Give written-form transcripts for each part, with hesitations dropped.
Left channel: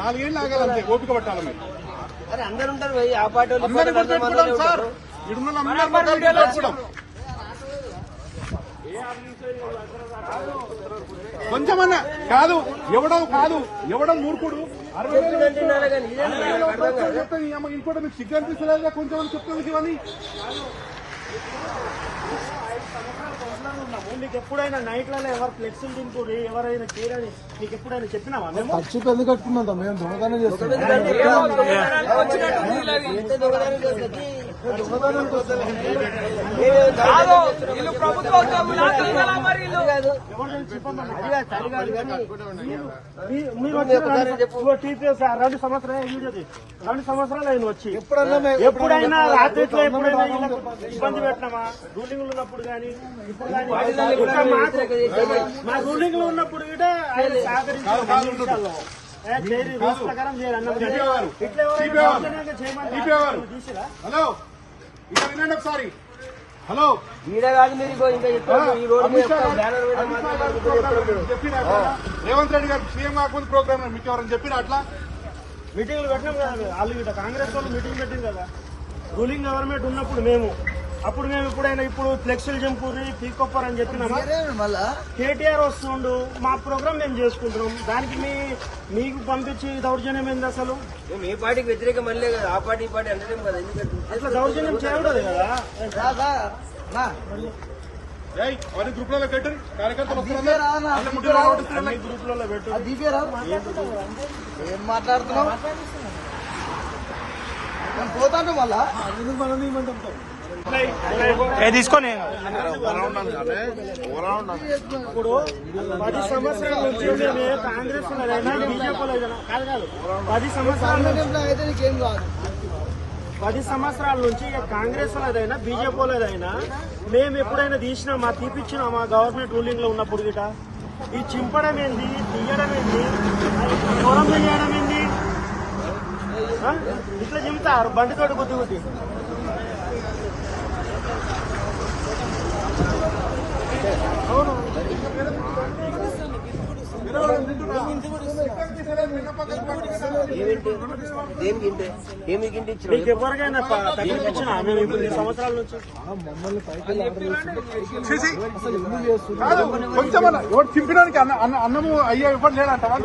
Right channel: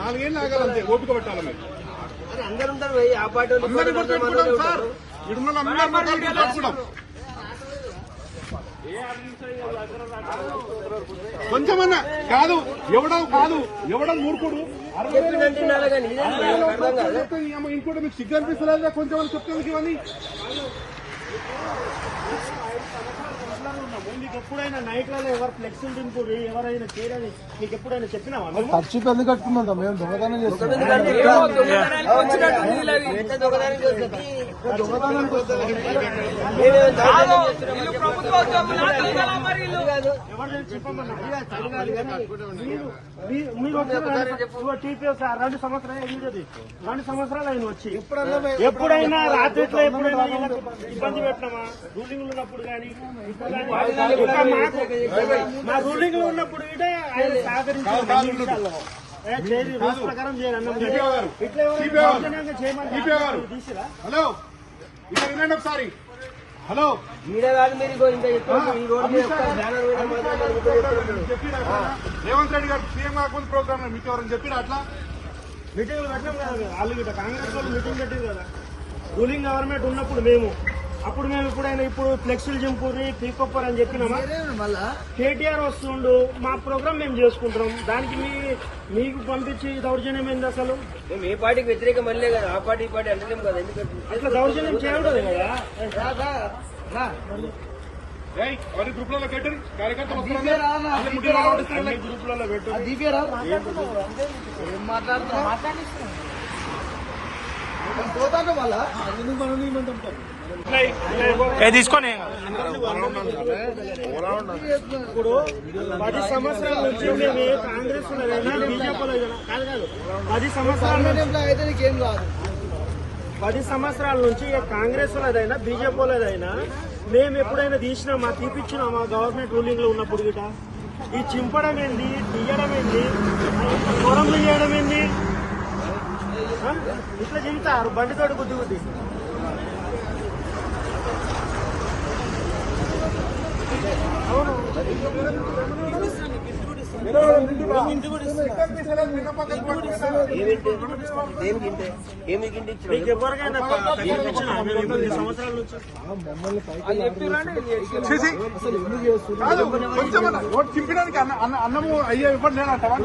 4 ఏళ్ళు ఆగాలంటే ఓపిక పట్టాలి మీరు. అందరు ఉంటారు ఆ పార్టీ సార్ ఇడున్న అందరూ కొంచెమన్నా కాదు ఎవడం మూర్ఖుడు 60,000 చెప్తే ఇంకోటి మీకు సిగ్గు అనిపిస్తలేదా? కొంచెం చెప్తుంది ఇవన్నీ. మీకు ఎప్పుడైనా నైట్లలో ఎవరు ఫ్లెక్సీలు దింపుడు ఎవరైనా చేయరని మీకు ఎప్పుడైనా చెప్పినావా? మేము ఖర్చుకి ఎందుకు కట్టుకుందాం? మేము దొంగతనం చేస్తున్నాం. టీపీఎస్ 2 సంవత్సరాలు ఆయన వచ్చి ఎప్పుడైనా రాత్రిలో ఎప్పుడైనా ఇబ్బంది పెట్టినామా? రూలింగ్ ఉన్నప్పుడు కానీ ఇప్పుడు కానీ మా రూలింగ్ లో ఉన్నప్పుడు కూడా ఆయన సహకరించారు. రూల్స్ ప్రకారం హలో ఇలా వినండి ఒకసారి. హలో ఈడ కాదు మీరు రేవంత్ రెడ్డి గారు సీఎం కాకుండా ప్రోగ్రామ్ మీకు ఎవరైనా చెప్పినా అట్లా? మీటింగ్లు పెట్టినాం కాదు వాళ్ళు ఇట కాంగ్రెస్ వాళ్ళు మీటింగ్ పెట్టింది కదా రూలింగ్ గవర్నమెంట్ ఉన్నప్పుడు మేము ఎప్పుడైనా ఇప్పుడు ఫ్లెక్సీలు చింపూరి పీకొప్పర్ అని చెప్పినామా? కేటీఆర్ వస్తుండు మా ప్రోగ్రామ్ మేము చేసుకుంటున్నాం. దానికి మీకు పంపించి దౌర్జన్యం ఏంది? అసలు మేము ఏ పార్టీకి వ్యతిరేకం అనలే కదా, ఆ పార్టీ ఈ పార్టీ అంటలేం కదా. ఎందుకంటే ఇట్లా దౌర్జన్యం చేయకూడదు కదా. గ్రూప్లలో పెట్టరు కార్యకర్తలు గ్రూప్లలో పెట్టరు. ఏం మాట్లాడుతున్నాం? పోతాను వాళ్ళ తీసుకొని ఇప్పుడు 10 సంవత్సరాల నుంచి మేమే కాంగ్రెస్ బీజేపీలో కాదు 10 సంవత్సరాల అయితే నీకేం కాదు. 10 సంవత్సరాల నుంచి కాంగ్రెస్ వాళ్ళదైనా బీజేపీ వాళ్ళదైనా మేము ఎప్పుడైనా తీసినా మా తీపిచ్చినా మా గవర్నమెంట్ రూలింగ్ లో ఉన్నప్పుడు గిట ఈ చింపడం ఏంది, తీయడం ఏంది, పొలం వెళ్ళడం ఏంది? ఇట్లా దిగుతారు బండితోటి బుద్ధి ఎవరికైనా సంవత్సరాల నుంచి మమ్మల్ని పైకి ఆర్డర్ చేస్తుంది. అసలు ఎందుకు చేస్తుంది? చింపడానికి అన్నము అయ్యా ఇవ్వండి లేదంటారా?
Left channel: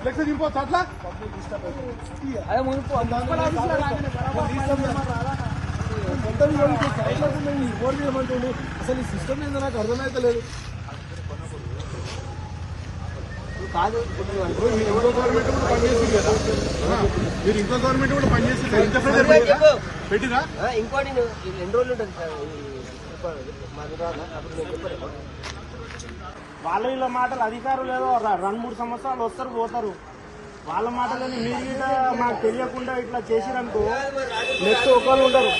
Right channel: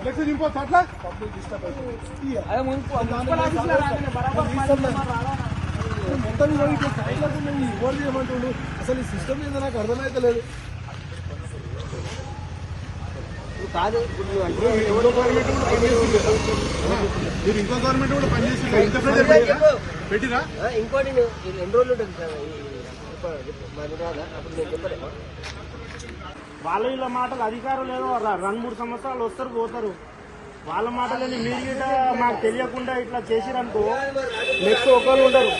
ఫ్లెక్స్ చింపవచ్చు అట్లా? అసలు ఈ సిస్టమ్ ఏందో నాకు అర్థమైతలేదు. కాదు ఇంకో గవర్నమెంట్ కూడా పనిచేస్తుంది. మీరు ఇంకో గవర్నమెంట్ కూడా పనిచేస్తుంది. ఇంకోటి ఎన్ని రోజులు అప్పుడు నేను చెప్పలేమా? వీళ్ళ మాటలు అధికారులు ఏమో 2-3 సంవత్సరాలు వస్తారు పోతారు. వాళ్ళ మాటలని మీరు మాకు తెలియకుండా ఇట్లా చేసిరనుకో నెక్స్ట్ ఒకళ్ళు ఉండరు.